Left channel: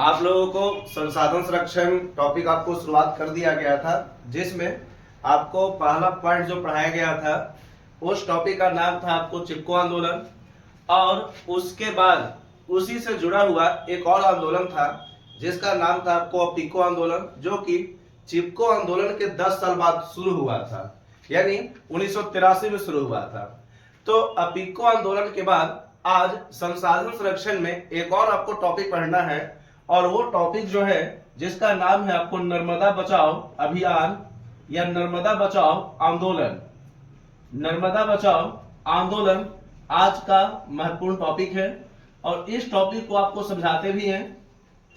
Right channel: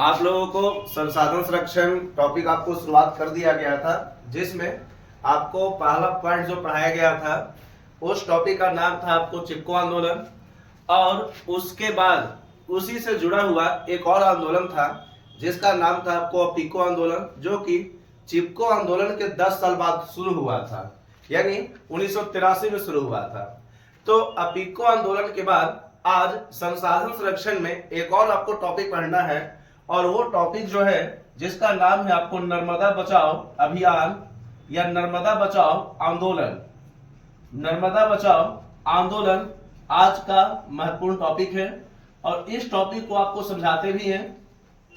आप लोगों को संसाधन संरक्षण टॉपिक आपको शुरुआत कर दिया गया था, जिसमें आपको पहला पॉइंट जो पढ़ाया गया था उस टॉपिक का नाम था आपको चिपको आंदोलन। और उसके बाद उसी से जुड़ा हुआ एक और आंदोलन था जिसका नाम था आपको अपिको आंदोलन, जो कि चिपको आंदोलन के 10 साल बाद शुरू हुआ था, यानी 1983 में शुरू हुआ था। तो अपिको आंदोलन के बाद आज संसाधन संरक्षण में एक और आपको टॉपिक पढ़ना है, और वो टॉपिक जो है जिसका नाम है आपको नर्मदा बचाओ अभियान या नर्मदा बचाओ आंदोलन। नर्मदा बचाओ आंदोलन आज का महत्वपूर्ण टॉपिक है और इस टॉपिक को आपको समझाते भी हैं,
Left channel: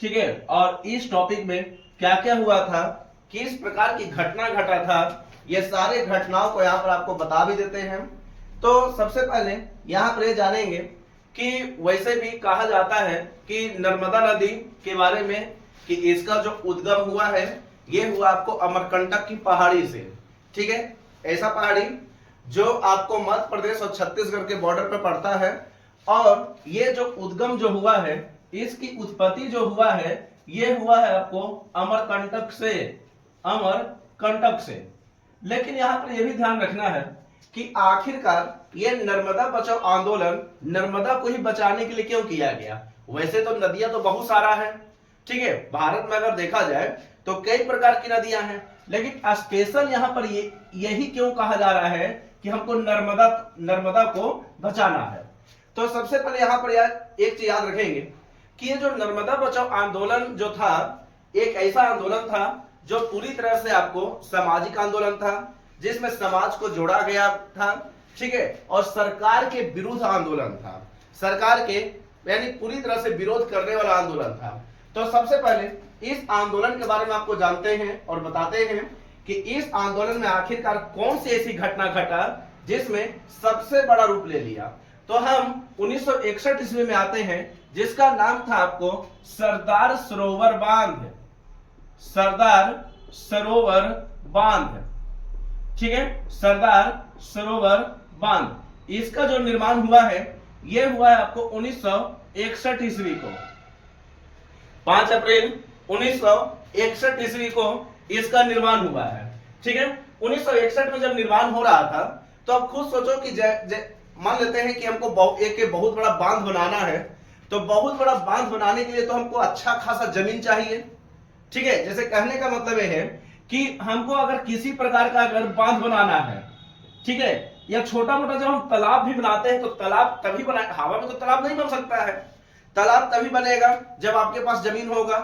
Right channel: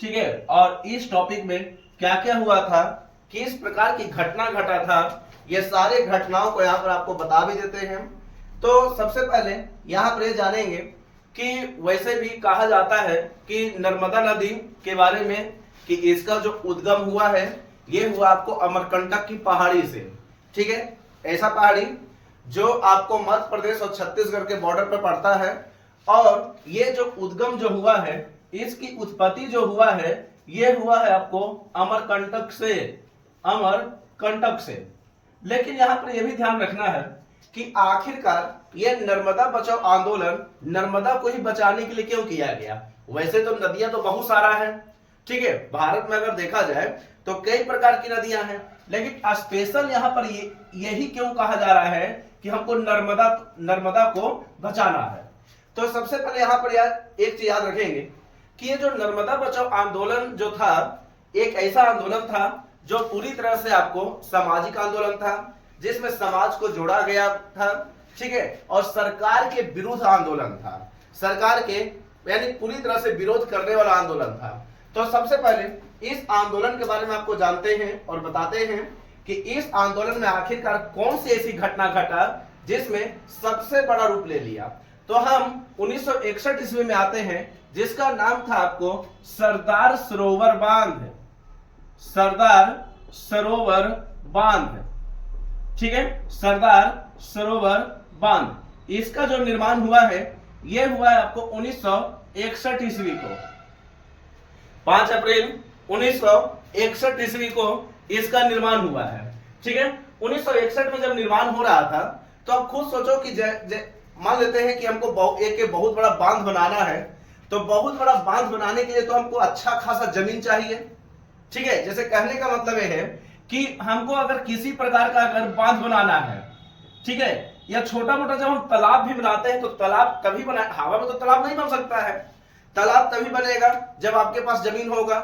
ठीक है। और इस टॉपिक में क्या क्या हुआ था, किस प्रकार की घटना घटा था, ये सारे घटनाओं को यहाँ पर आपको बता भी देते हैं। तो सबसे पहले यहाँ पर ये जानेंगे कि वैसे भी कहा जाता है कि नर्मदा नदी के बारे में कि इसका जो उद्गम हुआ है ये हुआ आपको अमरकंटक की पहाड़ी से, ठीक है। ऐसा पहाड़ी जो आपको मध्य प्रदेश और छत्तीसगढ़ के बॉर्डर पर पड़ता है, और ये जो उद्गम जो हुआ है इसकी उत्पत्ति जो हुआ है ये हुआ है आपको अमरकंटक से, अमरकंटक से। लेकिन यहाँ पर यह भी ध्यान रखना है कि आखिरकार यह नर्मदा बचाओ आंदोलन नर्मदा को ही बचाने के लिए क्यों किया गया। वैसे तो नदियां तो बहुत सारा है, ठीक है। भारत में अगर देखा जाए तो कई प्रकार की नदियां हैं, लेकिन स्पेशल यहाँ पर यही क्यों कहा जा रहा है कि हमको नर्मदा को बचाना है। तो सबसे पहले यहाँ पर यार एक चीज याद रखेंगे कि ये जो नर्मदा बचाओ आंदोलन जो था एक ऐसा आंदोलन था जो पूरी तरह से आपको सामाजिक आंदोलन था, जिसमें समाज को जोड़ा गया था, ठीक है। और सरकार के विरुद्ध आंदोलन था, सरकार के यानी पूरी तरह से विरोध करने वाला आंदोलन था। तो सबसे पहले इस आंदोलन के बारे में आपको जानते हैं और बताते हैं कि इस आंदोलन में आखिरकार कौन सी ऐसी घटना घटा जिसमें सबसे बड़ा रूप ले लिया। तो हम 1961 ईस्वी में आते हैं, जिसका नाम था आपको सरदार सरोवर बांध, सरदार सरोवर बांध, ठीक है। सरदार सरोवर बांध, इसका जो निर्माण हुआ है यह हुआ है आपको 1961 ईस्वी को, 5 अप्रैल 1961 ईस्वी को इसका निर्माण हुआ है, ठीक है। 1961 में जब निर्माण हो रहा था तो आप खुद सोचो कि मान लेते हैं कि हमको एक बहुत बड़ा बांध बनाना है, तो बहुत बड़ा बांध बनाने के लिए तो हमको अच्छा खासा जमीन चाहिए, ठीक है। जैसे कहने का मतलब यह है कि हमको अगर किसी प्रकार का अगर बांध बनाना है, ठीक है, या छोटा मोटा जब हम तालाब भी बनाते हैं तो तालाब तभी बना, हवा में तो तालाब नहीं बन सकता है, तालाब तभी बनेगा जब आपके पास जमीन होगा।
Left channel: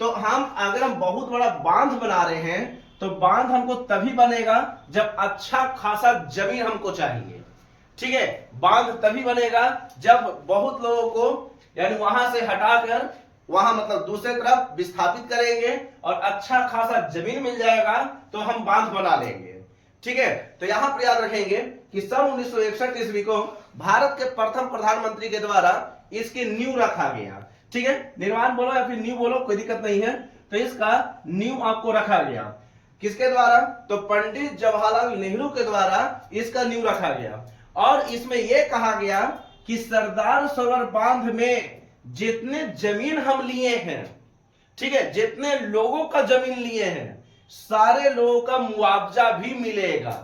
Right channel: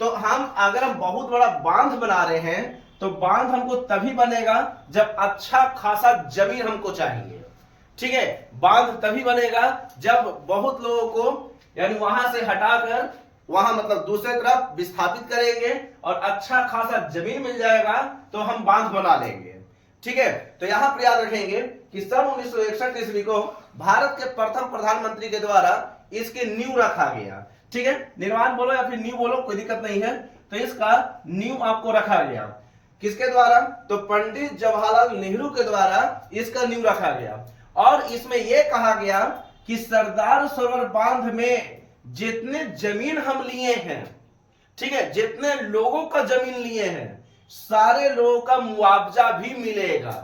तो हम अगर हम बहुत बड़ा बांध बना रहे हैं तो बांध हमको तभी बनेगा जब अच्छा खासा जमीन हमको चाहिए, ठीक है। बांध तभी बनेगा जब बहुत लोगों को यानी वहां से हटाकर वहां मतलब दूसरे तरफ विस्थापित करेंगे और अच्छा खासा जमीन मिल जाएगा तो हम बांध बना लेंगे, ठीक है। तो यहां पर याद रखेंगे कि सन 1961 ईस्वी को भारत के प्रथम प्रधानमंत्री के द्वारा इसकी नींव रखा गया, ठीक है। निर्माण बोलो या फिर नींव बोलो कोई दिक्कत नहीं है। तो इसका नींव आपको रखा गया किसके द्वारा, तो पंडित जवाहरलाल नेहरू के द्वारा इसका नींव रखा गया। और इसमें यह कहा गया कि सरदार सरोवर बांध में जितने जमीन हम लिए हैं, ठीक है, जितने लोगों का जमीन लिए हैं सारे लोगों का मुआवजा भी मिलेगा।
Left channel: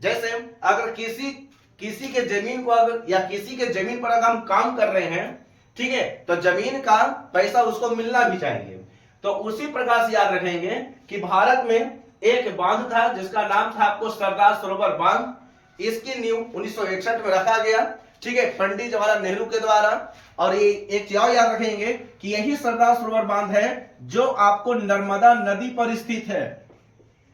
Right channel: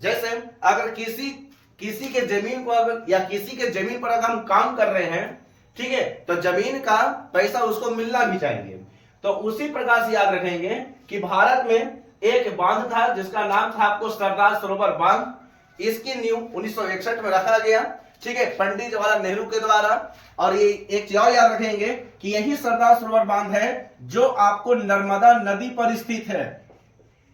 जैसे अगर किसी के जमीन को अगर या किसी के जमीन पर अगर हम काम कर रहे हैं, ठीक है, तो जमीन का पैसा उसको मिलना भी चाहिए। तो उसी प्रकार से याद रखेंगे कि भारत में एक बांध था जिसका नाम था आपको सरदार सरोवर बांध, इसकी नींव 1961 में रखा गया, ठीक है, पंडित जवाहरलाल नेहरू के द्वारा। और ये एक चीज और याद रखेंगे कि यही सरदार सरोवर बांध है जो आपको नर्मदा नदी पर स्थित है,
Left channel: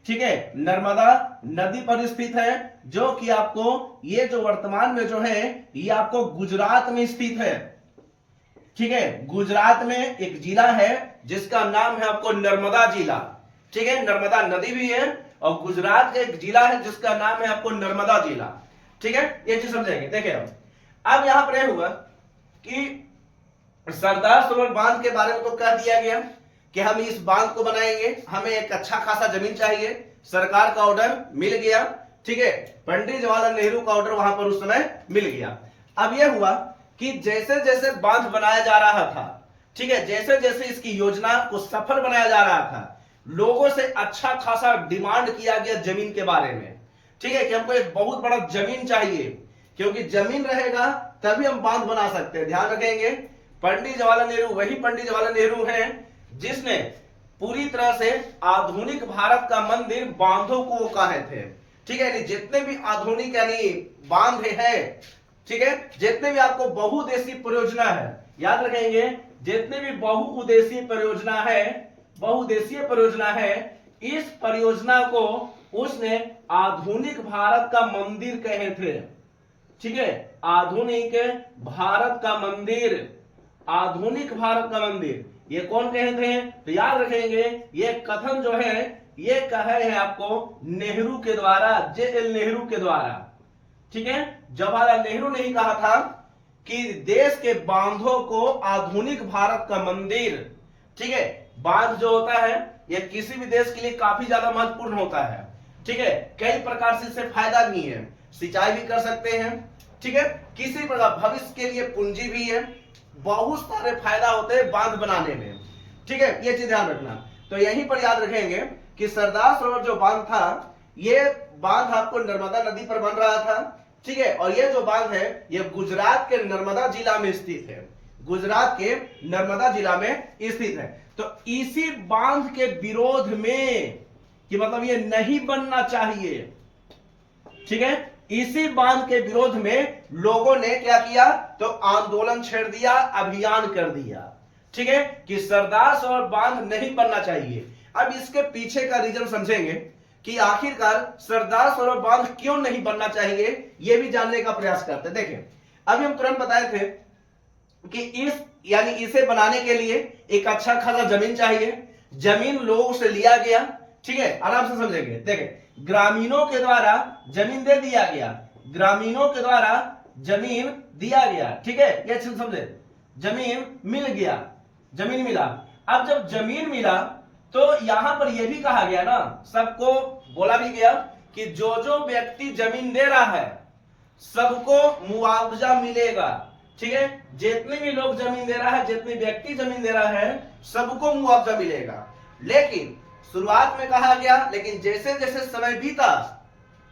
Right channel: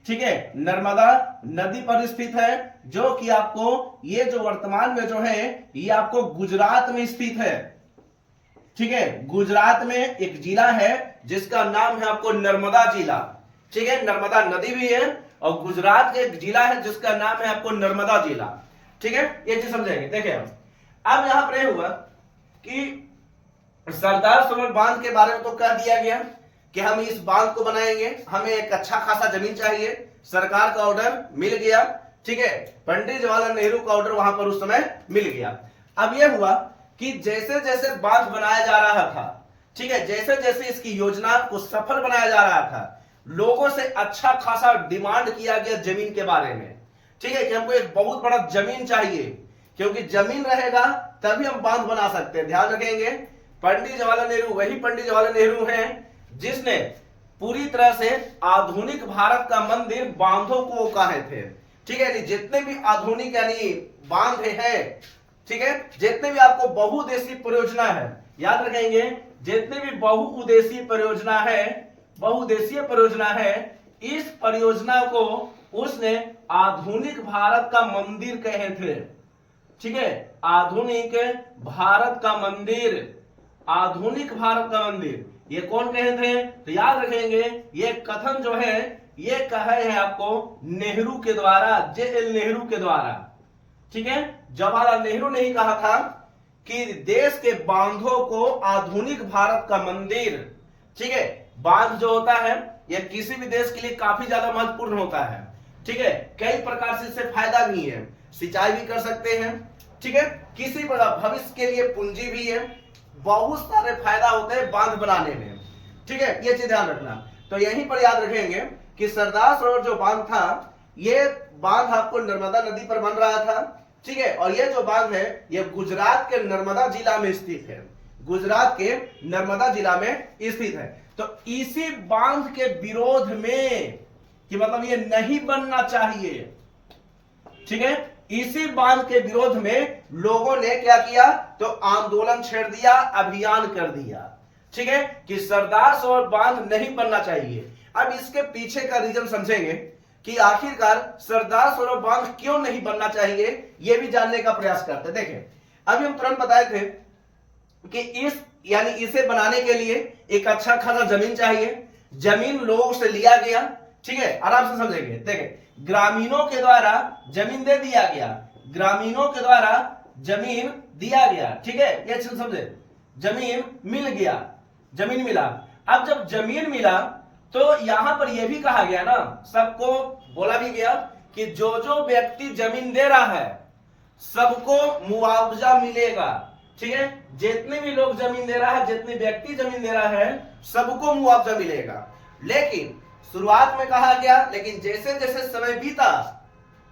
ठीक है, नर्मदा नदी पर स्थित है, जो कि आपको ये जो वर्तमान में जो है ये आपको गुजरात में स्थित है, ठीक है। गुजरात में एक जिला है जिसका नाम है आपको नर्मदा जिला, ठीक है। नर्मदा नदी भी है और गुजरात का एक जिला है जिसका नाम है आपको नर्मदा जिला, ठीक है। ये चीज समझेंगे। देखिए अब यहां पर यह हुआ कि सरदार सरोवर बांध के बारे में तो कह दिया गया कि हम इस बांध को बनाएंगे, हमें एक अच्छा खासा जमीन चाहिए, सरकार का ऑर्डर मिल गया, ठीक है। पंडित जवाहरलाल नेहरू का ऑर्डर वहां पर उस समय मिल गया। अब यह हुआ कि जैसे जैसे बांध बनाया जा रहा था, ठीक है, जैसे जैसे इसकी योजना को सफल बनाया जा रहा था, लोगों से अच्छा खासा डिमांड किया गया जमीन के बारे में। ठीक है, कि हमको एक बहुत बड़ा जमीन चाहिए, क्योंकि जमीन रहेगा तभी हम बांध बना सकते हैं। ध्यान रखेंगे, पंडित जवाहरलाल नेहरू वही पंडित जवाहरलाल नेहरू हैं जिसने पूरी तरह से आधुनिक भारत का मंदिर बांधों को कहे थे। ठीक है, जितने भी आधुनिक यानी बांध है, ठीक है, जितने भी आपको बहुउद्देशीय परियोजना है, याद रखेंगे, जितने भी बहुउद्देशीय परियोजना है, इस परियोजना को उसने आधुनिक भारत का मंदिर कहे थे। ठीक है, आधुनिक भारत का मंदिर ये कौन कहे थे? तो याद रखेंगे, ये कथन जो है ये कहे है आपको नेहरू के द्वारा, जे.एल. नेहरू के द्वारा। ठीक है, जवाहरलाल नेहरू ने ही कहा था कि देश के बांधों को आधुनिक भारत का मंदिर। ठीक है, बांध जो होता है ये किसी भी देश के लिए काफी ज्यादा महत्वपूर्ण होता है। ठीक है, कई प्रकार से इससे फायदा भी है, सिंचाई भी कर सकते हैं। ठीक है, किसी प्रकार भविष्य के लिए पूंजी भी है, बहुत सारे फायदा होते हैं बांध बनाने में। ठीक है, ये चीज ध्यान रखना। तो यहीं पर याद रखेंगे कि सरदार सरोवर जो बांध था, ये बांध आपको नर्मदा नदी पर बन रहा था। ठीक है, और ये जो बांध है ये गुजरात के नर्मदा जिला में स्थित है, गुजरात के नर्मदा जिला में स्थित है। तो इसी बांध के विरोध में, कि मतलब ये नहीं बनना चाहिए। ठीक है, इसी बांध के विरोध में लोगों ने क्या किया? तो आंदोलन छेड़ दिया, अभियान कर दिया। ठीक है, कि सरदार सरोवर बांध नहीं बनना चाहिए। अब इसके पीछे का रीजन समझेंगे कि आखिरकार सरदार सरोवर बांध क्यों नहीं बनना चाहिए, यह भी जानने का प्रयास करते। देखें, अभी हम तुरंत बताए थे कि इसे बनाने के लिए एक अच्छा खासा जमीन चाहिए। जमीन लोगों से लिया गया। ठीक है, आराम से समझेंगे। देखें, ग्रामीणों के द्वारा जमीन दे दिया गया, ग्रामीणों के द्वारा जमीन दिया गया। ठीक है, ये समझे, जमीन मिल गया, जमीन मिला। अब जब जमीन मिला तो यहां पर यह भी कहा गया ना, सबको बोला भी गया कि जो जो व्यक्ति जमीन दे रहा है सबको मुआवजा मिलेगा। ठीक है, जितने भी लोग जमीन दे रहा है, जितने व्यक्ति जमीन दे रहा है, सबको मुआवजा मिलेगा। लेकिन शुरुआत में कहा गया, लेकिन जैसे जैसे समय बीता,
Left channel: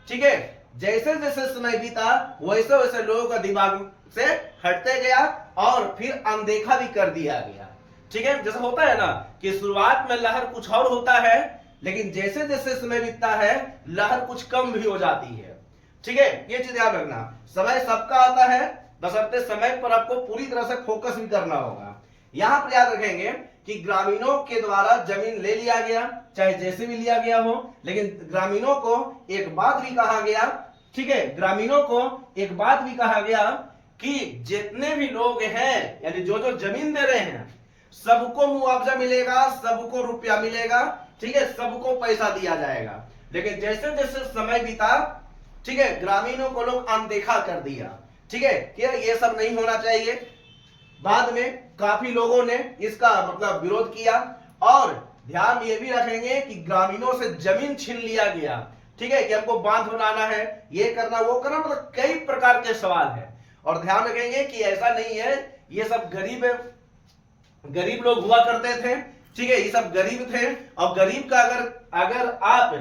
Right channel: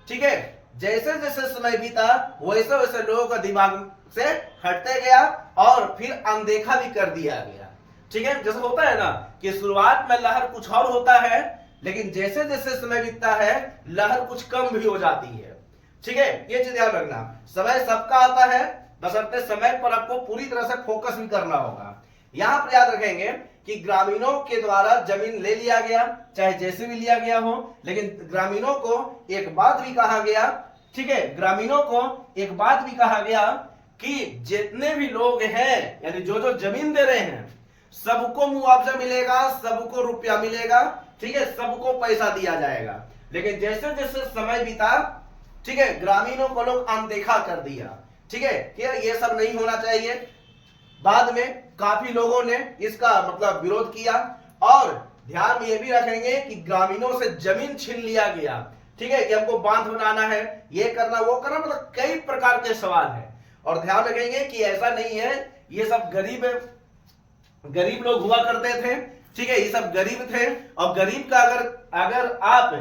ठीक है, जैसे जैसे समय बीता वैसे वैसे लोगों का दिमाग से हटते गया और फिर अनदेखा भी कर दिया गया। ठीक है, जैसा होता है ना कि शुरुआत में लहर कुछ और होता है, लेकिन जैसे जैसे समय बीतता है लहर कुछ कम भी हो जाती है। ठीक है, ये चीज ध्यान रखना। समय सबका आता है, बशर्ते समय पर आपको पूरी तरह से फोकस भी करना होगा। यहां पर याद रखेंगे कि ग्रामीणों के द्वारा जमीन ले लिया गया, चाहे जैसे भी लिया गया हो, लेकिन ग्रामीणों को एक बात भी कहा गया। ठीक है, ग्रामीणों को एक बात भी कहा गया कि जितने भी लोग हैं, यानी जो जो जमीन दे रहे हैं, सबको मुआवजा मिलेगा, सबको रुपया मिलेगा। ठीक है, सबको पैसा दिया जाएगा। लेकिन जैसे जैसे समय बीता, ठीक है, ग्रामीणों को लोग अनदेखा कर दिया। ठीक है, ये सब नहीं होना चाहिए। बाद में काफी लोगों ने इसका मतलब विरोध किया, और ध्यान ये भी रखेंगे कि ग्रामीणों से जमीन छीन लिया गया। ठीक है, कि हमको बांध बनाना है, ये करना वो करना, मतलब कई प्रकार के सवाल है। और ध्यान रखेंगे कि ऐसा नहीं है ये सब गरीब लोग हुआ करते थे। ठीक है, ये सब गरीब थे, और गरीब का अगर आप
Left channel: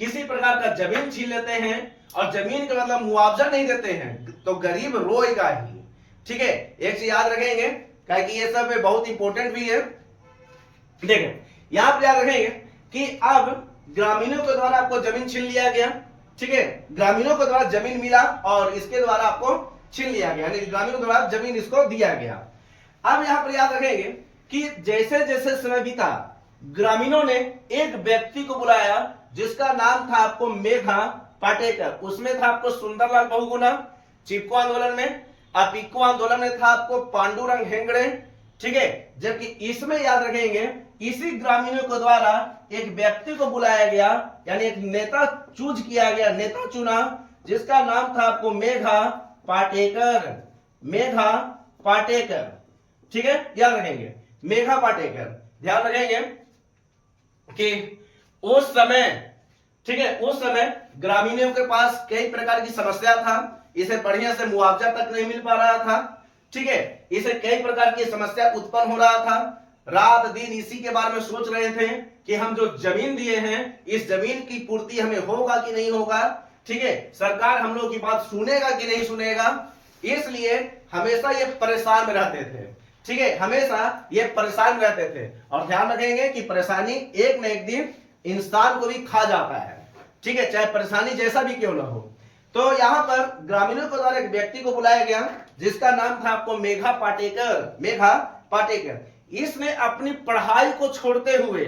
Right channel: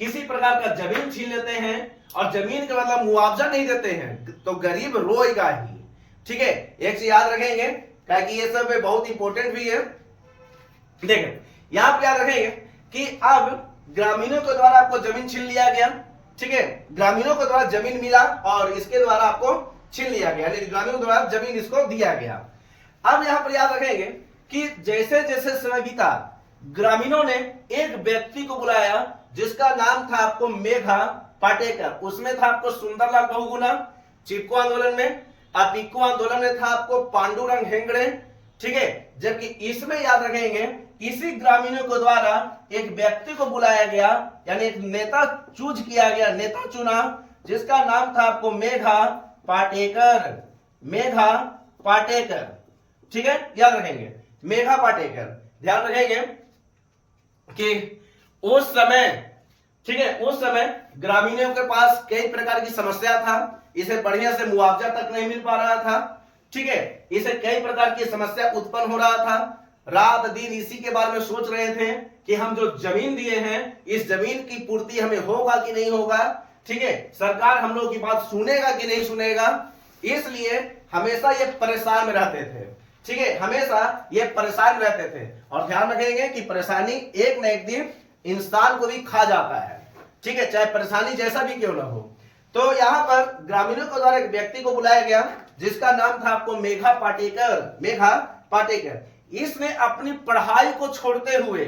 किसी प्रकार का जमीन छीन लेते हैं और जमीन का मतलब मुआवजा नहीं देते हैं तो गरीब रोएगा ही। ठीक है, एक चीज याद रखेंगे, क्योंकि ये सब बहुत इंपॉर्टेंट भी है। देखें, यहां पर याद रखेंगे कि अब ग्रामीणों के द्वारा आपको जमीन छीन लिया गया। ठीक है, ग्रामीणों के द्वारा जमीन मिला और इसके द्वारा आपको छीन लिया गया, यानी ग्रामीणों द्वारा जमीन इसको दिया गया। अब यहां पर याद रखेंगे कि जैसे जैसे समय बीता, ग्रामीणों ने एक व्यक्ति को बुलाया जिसका नाम था आपको मेघा पाटेकर। उसमें था आपको सुंदरलाल बहुगुणा चिपको आंदोलन में, और पिक्को आंदोलन में था आपको पांडुरंग हेगड़े। ठीक है, जबकि इसमें याद रखेंगे इसी ग्रामीणों के द्वारा एक व्यक्ति को बुलाया गया, यानी एक नेता चूज किया गया, नेता चुना, जिसका नाम था आपको मेघा पाटेकर। मेघा पाटेकर, ठीक है, याद रखेंगे मेघा पाटेकर। ध्यान रखेंगे कि उस समय, ठीक है, उस समय ग्रामीणों के पास कई प्रकार की समस्या था, इसे बढ़िया से मुआवजा तक नहीं मिल पा रहा था। ठीक है। इसे कई प्रकार की समस्या उत्पन्न हो रहा था, रात दिन इसी के बारे में सोच रहे थे कि हम जो जमीन दिए हैं इस जमीन की पूर्ति हमें होगा कि नहीं होगा, ठीक है, सरकार हम लोगों की बात सुनेगा कि नहीं सुनेगा, इसलिए हमेशा ये परेशान में रहते थे, ठीक है, हमेशा ये परेशान रहते थे। और ध्यान रखेंगे कि परेशानी एक न एक दिन इंसान को भी खा जाता है, ठीक है, चाहे परेशानी जैसा भी क्यों ना हो। तो यहां पर ग्रामीणों के द्वारा एक व्यक्ति को बुलाया गया जिसका नाम था आपको मेघा पाटेकर। इसने अपनी पढ़ाई को छोड़ते हुए,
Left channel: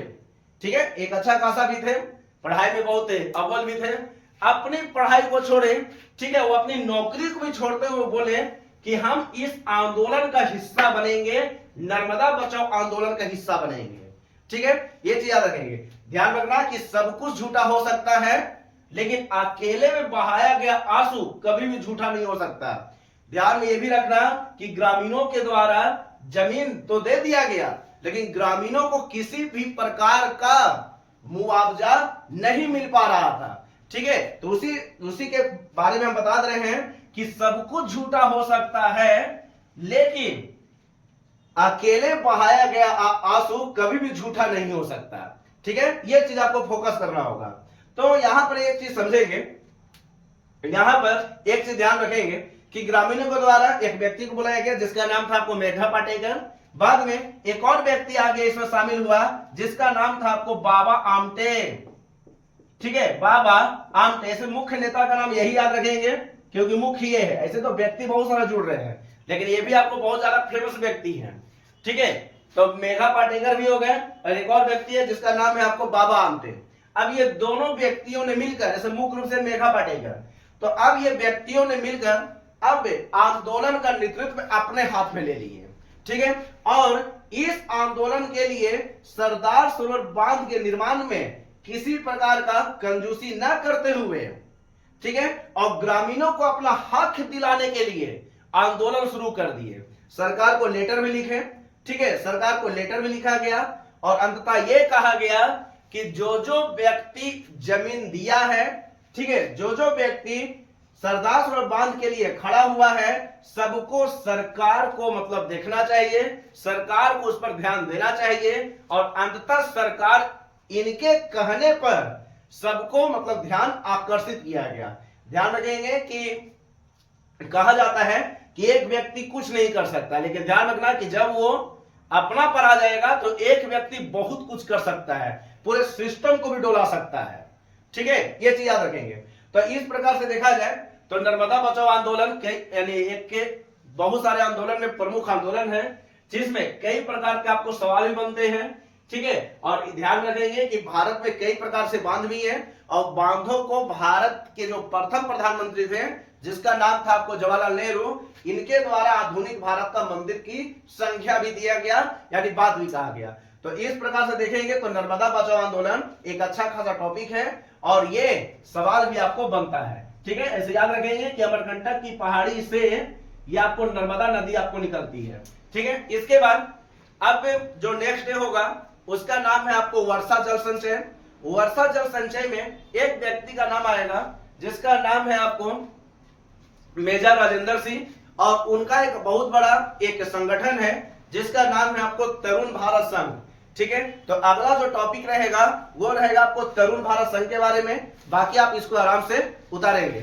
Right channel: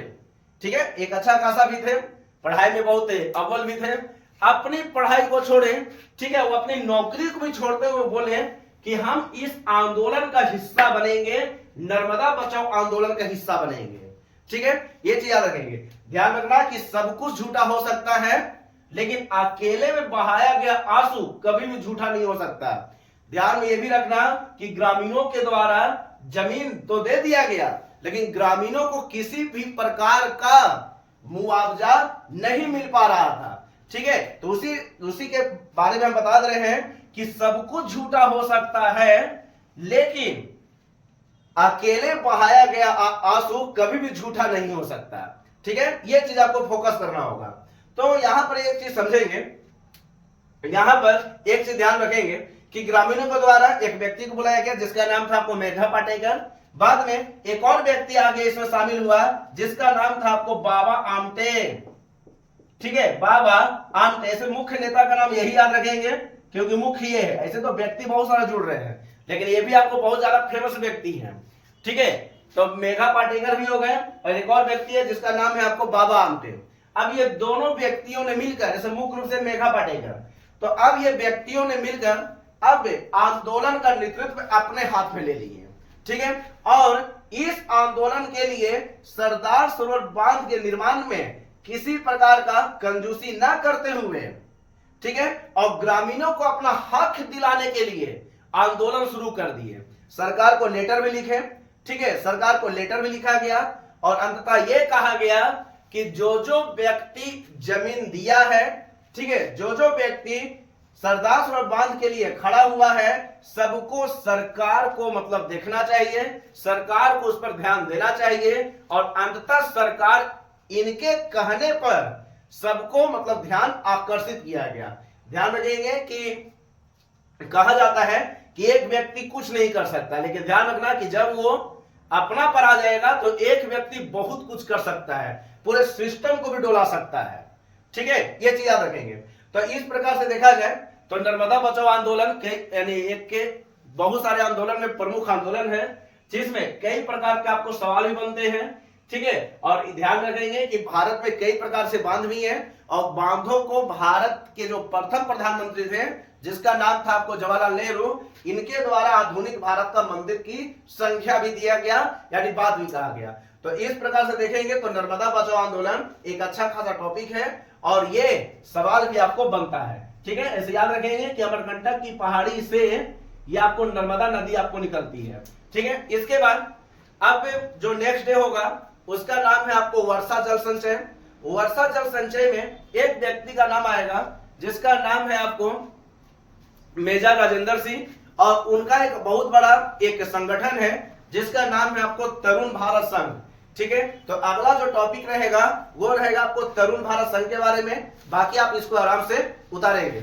ठीक है, एक अच्छा खासा भी थे, पढ़ाई में बहुत अव्वल भी थे, अपनी पढ़ाई को छोड़े, ठीक है, वो अपनी नौकरी को भी छोड़ते हुए बोले कि हम इस आंदोलन का हिस्सा बनेंगे, नर्मदा बचाओ आंदोलन का हिस्सा बनेंगे, ठीक है। ये चीज याद रखेंगे। ध्यान रखना कि सब कुछ झूठा हो सकता है लेकिन अकेले में बहाया गया आंसू कभी भी झूठा नहीं हो सकता। ध्यान में यह भी रखना कि ग्रामीणों के द्वारा जमीन तो दे दिया गया लेकिन ग्रामीणों को किसी भी प्रकार का मुआवजा नहीं मिल पा रहा था, ठीक है। तो उसी के बारे में हम बता रहे हैं कि सब कुछ झूठा हो सकता है लेकिन अकेले बहाया गया आंसू कभी भी झूठा नहीं हो सकता, ठीक है। यह चीज आपको फोकस करना होगा। तो यहां पर एक चीज समझेंगे, यहां पर एक चीज ध्यान रखेंगे कि ग्रामीणों के द्वारा एक व्यक्ति को बुलाया गया जिसका नाम था आपको मेघा पाटेकर। बाद में एक और व्यक्ति आगे इसमें शामिल हुआ जिसका नाम था आपको बाबा आमटे, ठीक है, बाबा आमटे। ऐसे मुख्य नेता का नाम यही याद रखेंगे क्योंकि मुख्य ये है, ऐसे तो व्यक्ति बहुत सारे जुड़ रहे हैं लेकिन ये भी आपको बहुत ज्यादा फेमस व्यक्ति है, ठीक है। तो मेघा पाटेकर भी हो गए और एक और व्यक्ति है जिसका नाम है आपको बाबा आमटे। अब ये दोनों व्यक्तियों ने मिलकर, ऐसे मुख्य रूप से मेघा पाटेकर, तो अब ये व्यक्तियों ने मिलकर अब आंदोलन का नेतृत्व अपने हाथ में ले लिए, ठीक है। और इस आंदोलन के लिए सरदार सरोवर बांध के निर्माण में किसी प्रकार का कंजूसी ना करते हुए, ठीक है, और ग्रामीणों को अपना हक दिलाने के लिए आंदोलन शुरू कर दिए। सरकार को लेटर में लिखे, ठीक है, सरकार को लेटर में लिखा गया और अंततः यह कहा गया कि जो जो व्यक्ति जमीन दिया है, ठीक है, जो जो व्यक्ति सरदार सरोवर बांध के लिए खड़ा हुआ है, सबको सरकार को मतलब देखना चाहिए, सरकार को उस पर ध्यान देना चाहिए और अंततः सरकार इनके कहने पर सबको मतलब ध्यान आकर्षित किया गया। ध्यान रखेंगे कि कहा जाता है कि एक व्यक्ति कुछ नहीं कर सकता लेकिन ध्यान रखना कि जब वो अपना पर आ जाएगा तो एक व्यक्ति बहुत कुछ कर सकता है, पूरे सिस्टम को भी डोला सकता है, ठीक है। ये चीज याद रखेंगे। तो इस प्रकार से देखा जाए तो नर्मदा बचाओ आंदोलन यानी एक के बहुत सारे आंदोलन में प्रमुख आंदोलन है जिसमें कई प्रकार के आपको सवाल भी बनते हैं, ठीक है। और ध्यान रखेंगे कि भारत में कई प्रकार से बांध भी है और बांधों को भारत के जो प्रथम प्रधानमंत्री थे जिसका नाम था आपको जवाहरलाल नेहरू, इनके द्वारा आधुनिक भारत का मंदिर की संख्या भी दिया गया यानी बात भी कहा गया। तो इस प्रकार से देखेंगे तो नर्मदा बचाओ आंदोलन एक अच्छा खासा टॉपिक है और ये सवाल भी आपको बनता है, ठीक है। ऐसे याद रखेंगे कि अमरकंटक की पहाड़ी से ये आपको नर्मदा नदी आपको निकलती है, ठीक है। इसके बाद अब जो नेक्स्ट डे होगा उसका नाम है आपको वर्षा जल संचय। वर्षा जल संचय में एक व्यक्ति का नाम आएगा जिसका नाम है आपको मेजर राजेंद्र सिंह और उनका एक बहुत बड़ा एक संगठन है जिसका नाम है आपको तरुण भारत संघ, ठीक है। तो अगला जो टॉपिक रहेगा वो रहेगा आपको तरुण भारत संघ के बारे में, बाकी आप इसको आराम से उतारेंगे।